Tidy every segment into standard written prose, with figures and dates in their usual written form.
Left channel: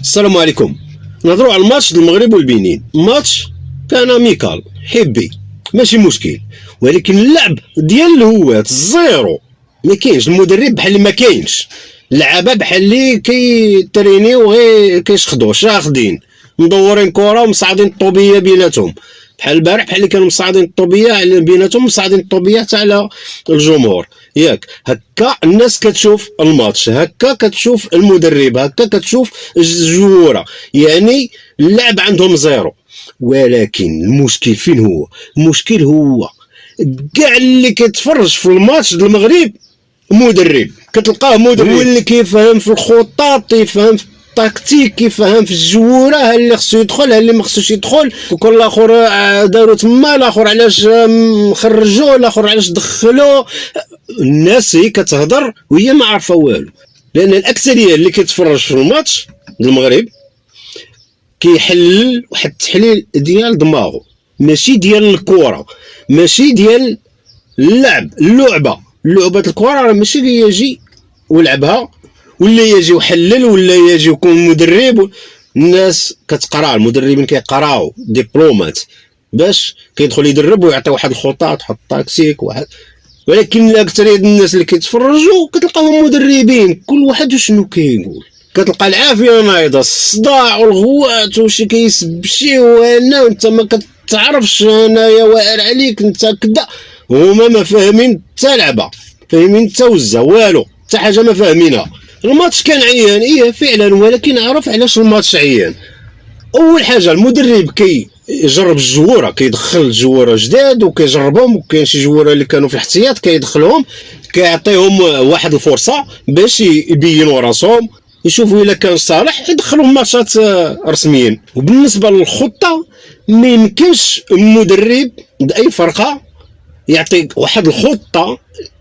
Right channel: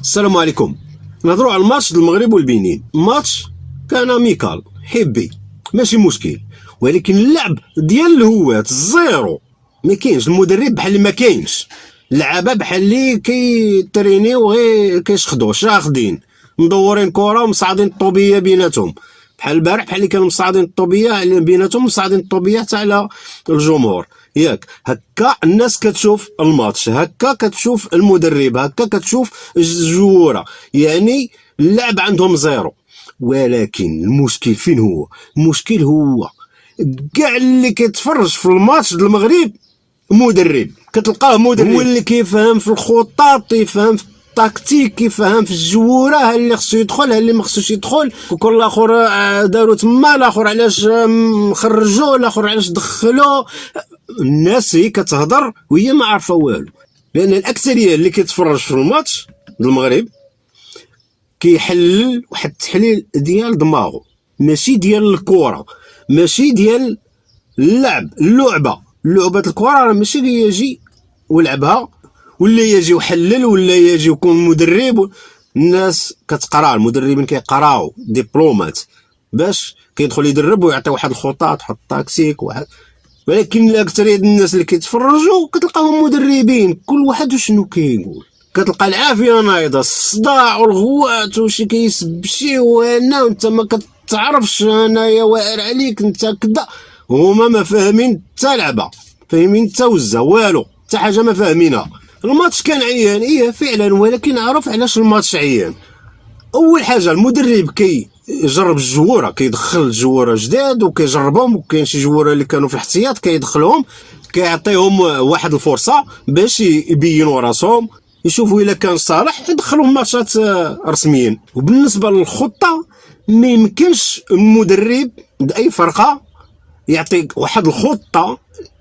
السلام عليكم. نهضروا على الماتش ديال المغرب والبنين. ماتش كان اميكال حبي ماشي مشكل، ولكن اللعب ديال الهوات الزيرو. ما كاينش المدرب بحال اللي ما كاينش، اللعابه بحال اللي كيترينيو غير كيشخدوا شاخدين مدورين كره ومصعدين الطوبيه بيناتهم، بحال البارح بحال اللي كانوا مصعدين الطوبيه بيناتهم، مصعدين الطوبيه حتى على الجمهور. ياك هكا الناس كتشوف الماتش، هكا كتشوف المدرب، هكا كتشوف الجوره، يعني اللعب عندهم زيرو. ولكن المشكل فين هو؟ المشكل هو كاع اللي كيتفرج في الماتش ديال المغرب مدرب، كتلقاه مدرب هو اللي كيفهم في الخطط، يفهم في التكتيك، كيفهم في الجوره، ها اللي خصو يدخل ها اللي ما خصوش يدخل، وكل الاخر داروا تما، الاخر علاش خرجوه، الاخر علاش دخلوه. الناس هي كتهضر وهي ما عارفه والو، لان الاكثريه اللي كيتفرج في الماتش ديال المغرب كيحلل واحد التحليل ديال دماغه، ماشي ديال الكره، ماشي ديال اللعب، اللعبه الكره راه ماشي يجي ولعبها ولا يجي وحلل ولا يجي ويكون مدرب. الناس كتقرا، المدربين كيقراو دبلومات باش كيدخل يدرب ويعطي واحد الخطط، تحط تاكسيك واحد. ولكن الاكثريه ديال الناس اللي كيتفرجوا كتلقاهم مدربين، كل واحد شنو كيقول، كتلقى العافيه نايضه، الصداع والغوات وشي كيسب شي وانا وانت ما كتعرفش، انايا واعر عليك انت كذا. هما ما فاهمين حتى لعبه، فاهمين حتى وزه والو، حتى حاجه ما فاهمينها. الماتش كان عيان ايه فعلا، ولكن عرف علاش الماتش عيان. اول حاجه المدرب كيجرب الجواره، كيدخل الجواره جداد وكيجربهم، وكاين شي جواره اللي كانوا في الاحتياط كيدخلهم، كيعطيهم واحد الفرصه باش يبينوا راسهم، يشوفوا الا كان صالح يدخلهم ماتشات رسميين. وبالنسبه للخطه، ما يمكنش المدرب باي فرقه يعطيك واحد الخطه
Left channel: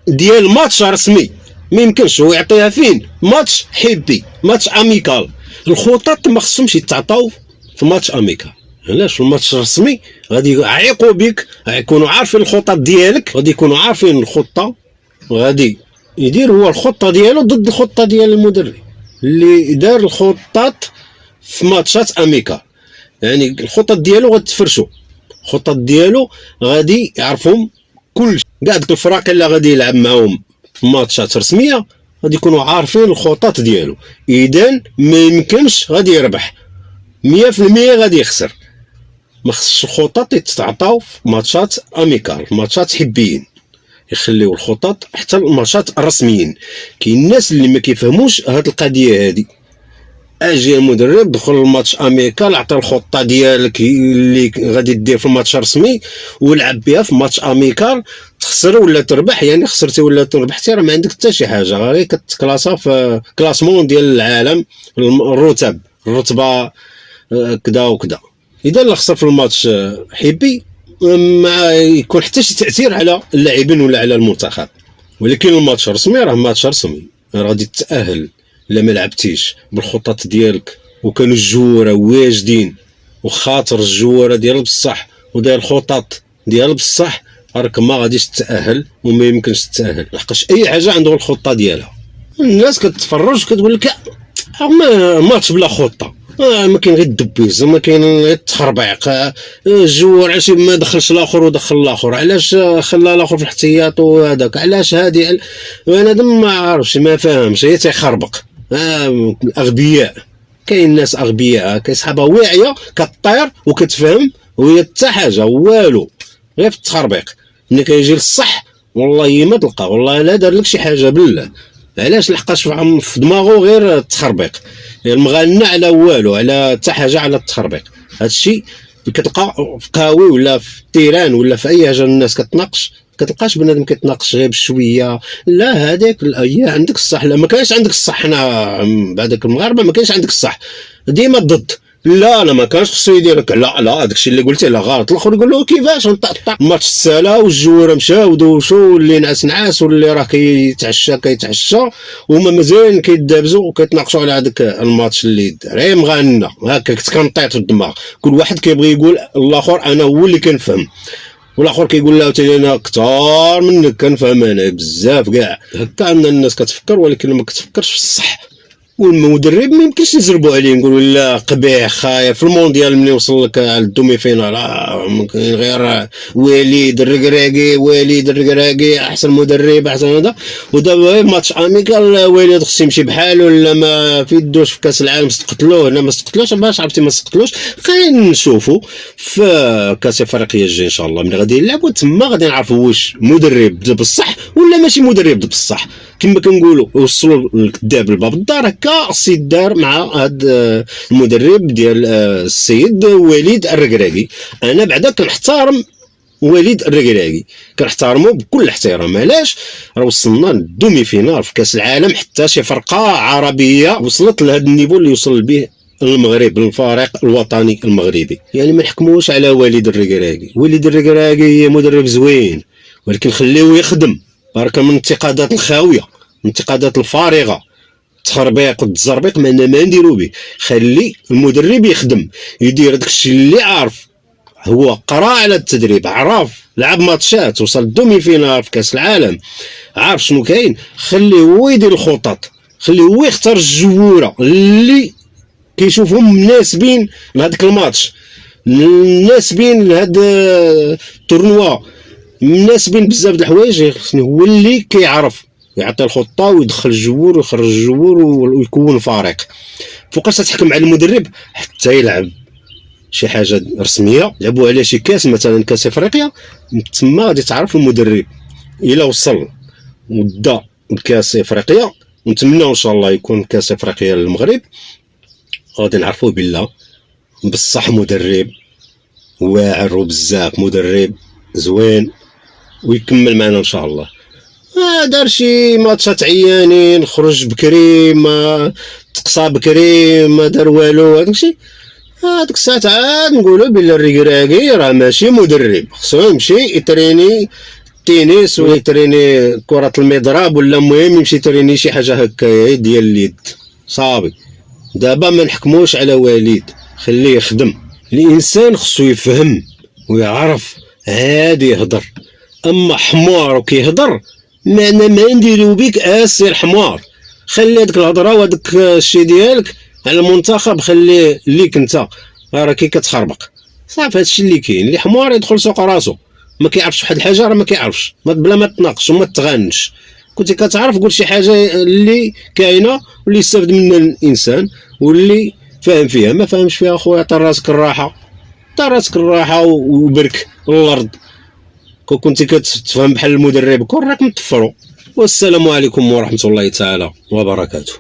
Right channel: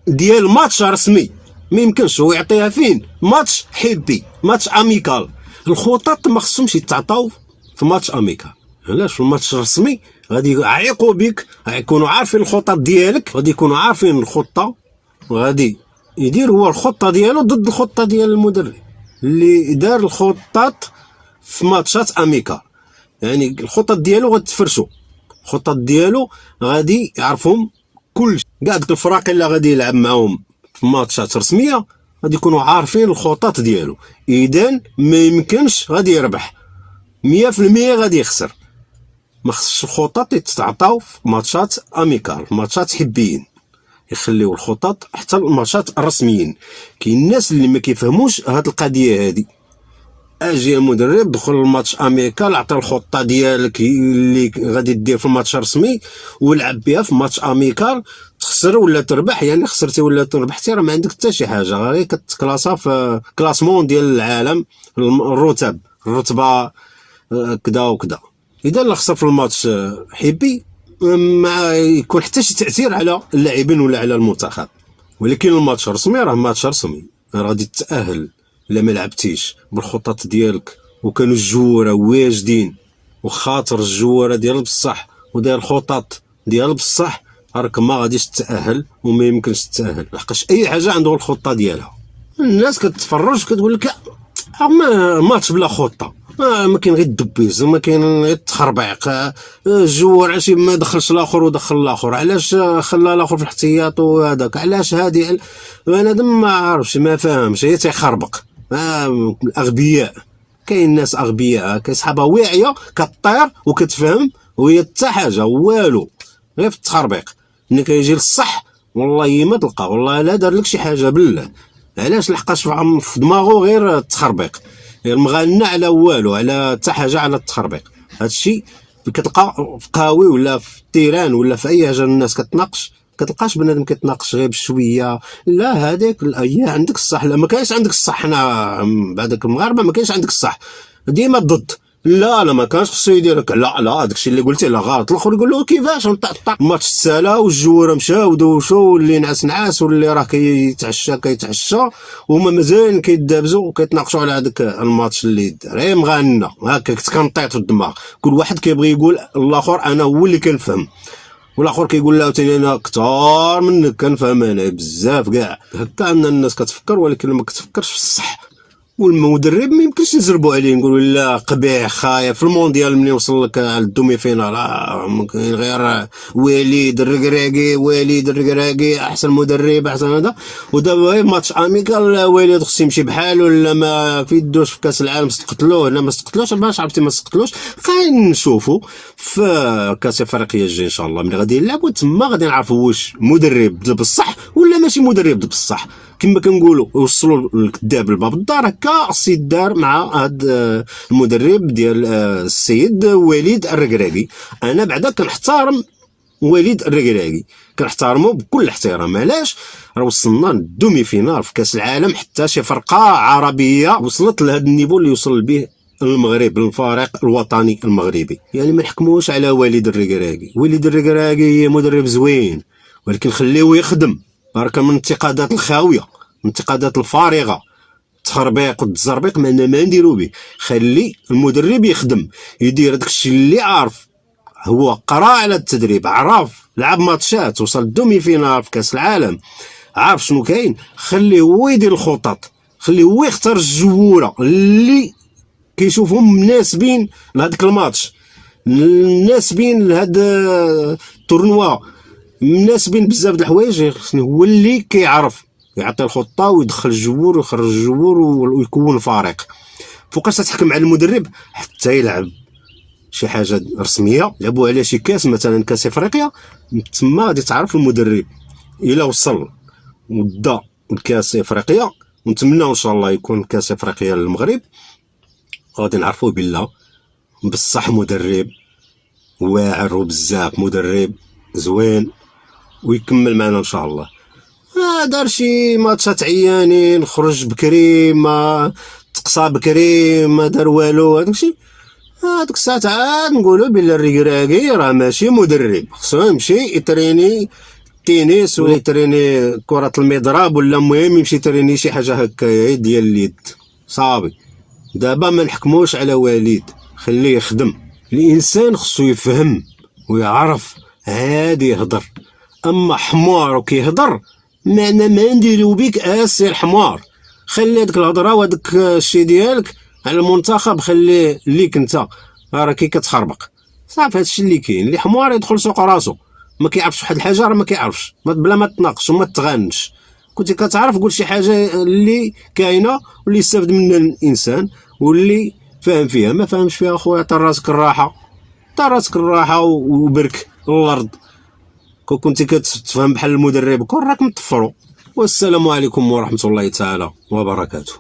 ديال ماتش رسمي، ما يمكنش هو يعطيها فين؟ ماتش حبي، ماتش اميكال. الخطط ما خصهمش يتعطاو في ماتش اميكال. علاش؟ في الماتش الرسمي غادي يعيقوا بك، غيكونوا عارفين الخطط ديالك، غادي يكونوا عارفين الخطه، وغادي يدير هو الخطه ديالو ضد الخطه ديال المدرب اللي دار الخطط في ماتشات اميكال. يعني الخطط ديالو غتفرشوا، الخطط ديالو غادي يعرفهم كل كاع ديك الفرق اللي غادي يلعب معاهم في ماتشات رسميه غادي يكونوا عارفين الخطط ديالو. اذا ما يمكنش غادي يربح 100%، غادي يخسر. ما خصش الخطط يتعطاو في ماتشات اميكال، في ماتشات حبيين، يخليو الخطط حتى الماتشات الرسميين. كاين الناس اللي ما كيفهموش هاد القضيه هادي. اجي المدرب دخل الماتش اميكال، عطى الخطه ديالك اللي غادي دير في الماتش الرسمي ولعب بها في ماتش اميكال، تخسر ولا تربح، يعني خسرتي ولا تربحتي راه ما عندك حتى شي حاجه، غير كتكلاسا في كلاسمون ديال العالم، الرتبه كذا وكذا. اذا اللي خسر في الماتش حبي ما يكون حتى شي تاثير على اللاعبين ولا على المنتخب. ولكن الماتش الرسمي راه ماتش رسمي، راه غادي تتاهل الا ما لعبتيش بالخطط ديالك وكانوا الجواره واجدين وخاطر الجواره ديال بصح وداير الخطط ديال بصح، راك ما غاديش تتاهل وما يمكنش تتاهل، لحقاش اي حاجه عندها الخطه ديالها. الناس كتفرج كتقول لك ما ماتش بلا خطه، ما كاين غير الدبيز، ما كاين غير التخربيق، الجوار علاش ما دخلش الاخر ودخل الاخر، علاش خلى الاخر في الاحتياط وهذاك، علاش هادي بنادم ما عارفش ما فاهمش، هي تيخربق. اغبياء، كاين ناس اغبياء كيصحابها واعيه كطير وكتفهم وهي حتى حاجه والو، غير في التخربيق. ملي كيجي للصح والله ما تلقى، والله لا دار لك شي حاجه بالله. علاش؟ لحقاش في دماغه غير التخربيق، المغنى على والو، على حتى حاجه، على التخربيق. هادشي كتلقى في قهاوي ولا في التيران ولا في اي حاجه الناس كتناقش، كتلقاش بنادم كيتناقش غير بشويه، لا هذاك هي عندك الصح، لا ما كاينش عندك الصح، حنا بعدك المغاربه ما كاينش عندك الصح، ديما ضد، لا ما كانش خصو يديرك، لا داكشي اللي قلتيه لا غلط. الاخر يقول له كيفاش الماتش تسالا والجوره مشاو ودوشوا واللي نعس واللي راه كيتعشى وهما مازال كيدابزوا وكيتناقشوا على هذاك الماتش اللي دار مغنى هكا، كتكنطيط في الدماغ، كل واحد كيبغي يقول الاخر انا هو اللي كنفهم، والاخر كيقول له تاني انا كثار منك كنفهم انا بزاف كاع. هكا ان الناس كتفكر، ولكن ما كتفكرش في الصح، والمدرب ما يمكنش نزربوا عليه نقولوا لا قبيح خايف. في المونديال ملي وصل لك على الدومي فينال ممكن غير وليد الركراكي احسن مدرب احسن هذا. ودابا ماتش اميكال وليد خصو يمشي بحاله ولا ما في يدوش في كاس العالم استقتلوه. هنا ما استقتلوش باش عرفتي ما استقتلوش. خلينا نشوفوا في كاس افريقيا الجاي ان شاء الله ملي غادي يلعبوا تما غادي نعرفوا واش مدرب بصح ولا ماشي مدرب بصح. كما كنقولوا وصلوا الكذاب لباب الدار هكا السيد دار مع هذا المدرب ديال السيد وليد الركراكي. انا بعدا كنحترم وليد الركراكي كنحترمه بكل احترام. علاش؟ راه وصلنا للدومي فينال في كاس العالم حتى شي فرقه عربيه وصلت لهذا النيفو اللي وصل به المغرب الفريق الوطني المغربي. يعني ما نحكموش على وليد الركراكي. وليد الركراكي مدرب زوين ولكن خليوه يخدم. برك من الانتقادات الخاويه الانتقادات الفارغه التخربيق والتزربيق ما نديرو به. خلي المدرب يخدم يدير داكشي اللي عارف. هو قرا على التدريب عرف لعب ماتشات وصل الدومي فينال في كاس العالم عارف شنو كاين. خليه هو يدير الخطط. خليه هو يختار الجووره اللي كيشوفهم مناسبين لهذاك الماتش مناسبين لهذا التورنوا مناسبين بزاف د الحوايج. هو اللي كيعرف يعطي الخطه ويدخل الجوور ويخرج الجوور ويكون فريق. فوقاش تحكم على المدرب حتى يلعب شي حاجه رسميه لعبوا على شي كاس مثلا كاس افريقيا تما غادي تعرف المدرب الا وصل ودا لكاس افريقيا. ونتمنى ان شاء الله يكون كاس افريقيا للمغرب غادي نعرفوا بالله بصح مدرب واعر وبزاف مدرب زوين ويكمل معنا ان شاء الله. دار شي ماتشات عيانين خرج بكري ما تقصى بكري ما دار والو هادشي. هاديك الساعات عاد نقولوا بلي الركراكي راه ماشي مدرب. خصو يمشي يتريني التنس ولا يتريني كرة المضرب ولا المهم يمشي يتريني شي حاجه هكايا ديال اليد صافي. دابا ما نحكموش على وليد خليه يخدم. الانسان خصو يفهم ويعرف هادي يهضر. اما حمار وكيهضر ما نديرو بيك اسير حمار. خلي هذيك الهضره وهذاك الشيء ديالك على المنتخب خليه ليك انت راه كي كتخربق صافي. هادشي اللي كاين. اللي حمار يدخل سوق راسو ما كيعرفش واحد الحاجه راه ما كيعرفش بلا ما تناقش وما تغنش. كنتي كتعرف قول شي حاجه اللي كاينه واللي يستافد منها الانسان واللي فاهم فيها. ما فاهمش فيها خويا عطي راسك الراحه عطي راسك الراحه وبرك الارض. كنتي كتفهم بحال المدرب كون راك مطفرو. والسلام عليكم ورحمه الله تعالى وبركاته.